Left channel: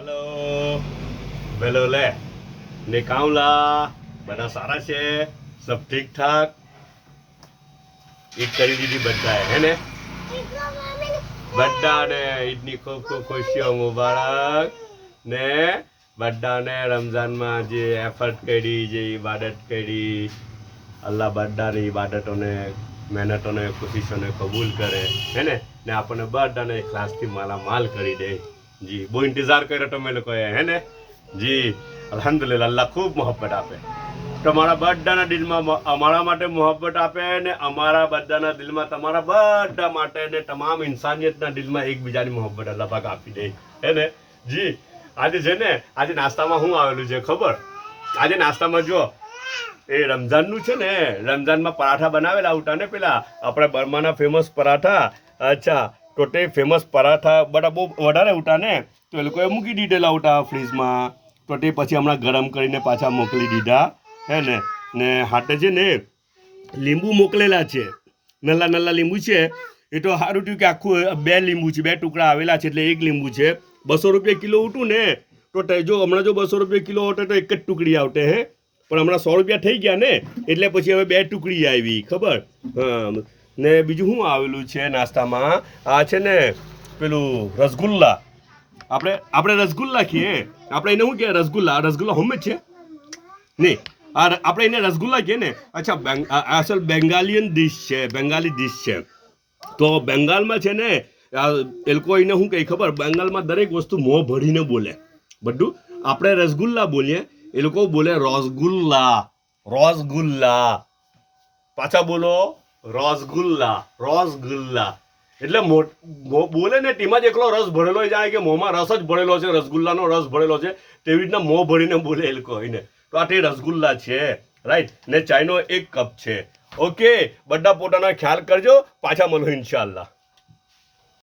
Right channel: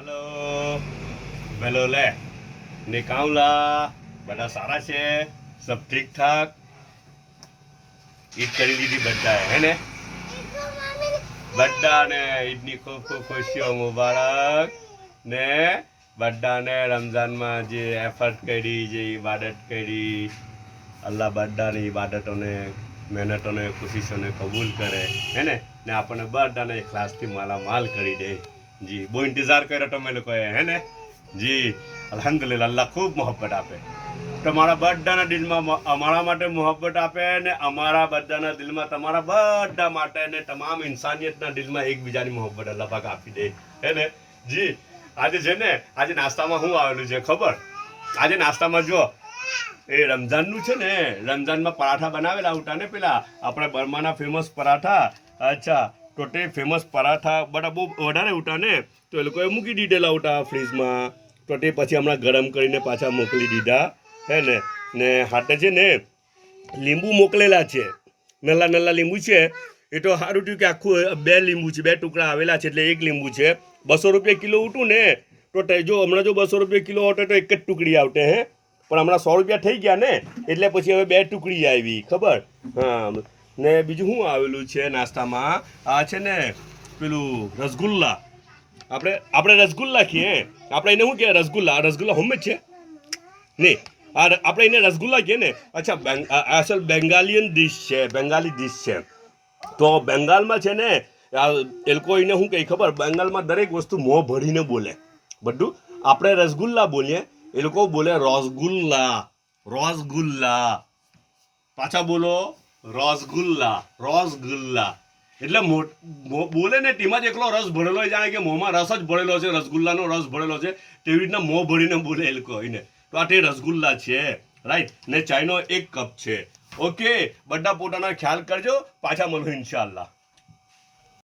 hello bellow લે ને કાઉલા બધા સારા છે સબ ઠીક ઠાક ઈદ કરી દીધી બધાએ હે ને બધાને ઈદની ખૂબ ખૂબ ખુશીઓ મુબારક ને બધાને રમઝાનમાં જે એફર્ટ કરી જે ઇબાદત કરી અલ્લાહ બધાની ઇબાદતોને મહેનતોને કોશિશોને કબૂલ કરે હે ને આપણને બધાને ઇખલાસથી માલામાલ કરી દે જી બહુ ઇંતજાર કર્યો તમે લોકોએ હે ને જી અલ્હમ્દુલિલ્લાહ અલ્લાહ ખૂબ મોહબ્બત આપે તમારા બધાના દિલમાં અમારા માટે મોહબ્બત આપે ને અમારા બધાના દિલમાં તમારા બધા માટે ને તમામ ઇન્સાનિયતના દિલમાં એકબીજાની મોહબ્બત અલ્લાહ પાક આપી દે હે ને જી આજે છે ને આજે નાસ્તામાં શું આવેલું છે ખબર આજે નાસ્તામાં જો એ રમઝાનનું છે ને રમઝાનમાં પરાઠા બનાવેલા ઉઠા ને પેલા આપણે બર્માના ફેમસ પરાઠા અચ્છા તો તે ફેમસ પરાઠા બધા બહુ વધારે ઉઠા ને તો એ લોકોએ મૂકી દીધેલા ઉઠા ફ્રીજમાં તો તે પછી હમણાં ગરમ કરીને પાછા મોકલી દીધા હે ને હાથે છે ને લીંબુ મોકલેલા છે નલ્લા નલ્લા લીંબુ છે એ તો સારું થયું કે આખું 2 લીંબુ છે 2 ટુકડા આવેલા છે એટલે 1 લીંબુ છે 200 રૂપિયા કિલો ઉઠું ને તો જો હમણાં જો 200 રૂપિયા કિલો હોતે તો 1 જ ટુકડી આવતે હે પણ હમણાં 100 રૂપિયા થઈ ગયા ને એટલે પછી હવે 2 ટુકડી આવી ખબર હા ને બીજું શું આવેલું છે નાસ્તામાં આ છે ને પેલું રસગુલ્લા આપણે રસગુલ્લા કહીએ આપણે એને શું કહેવાય રસગુલ્લા હોમ જ છે નહીં આપણે એને રસગુલ્લા કહીએ ને અચ્છા અસલ બેંગાલિયન ડિશ છે બેંગાલી ડિશ છે તો બેંગાલમાં છે ને એ લોકો એને શું કહે ખબર બેંગાલમાં દરેક વસ્તુ મોં ભરીને બોલે બધું આપણે રસગુલ્લા બોલીએ એ લોકો બોલે રસગુલ્લા પાછા બોલો રસગુલ્લા એટલે બોલે ને તેમાં જ એકલો રસ ભરેલો જાય કે મોંમાં રસ જ ભરેલો છે રસગુલ્લાનો રસ ભરેલો છે તેવી રીતના મોં ભરીને બોલે એ લોકો એને તો આ તે રસગુલ્લા છે રાઈટ ને ચાયનો 1 કપ છે ઓકે બધા પોતાનો ખ્યાલ કરજો પાછા મળો ઇન્શાઅલ્લાહ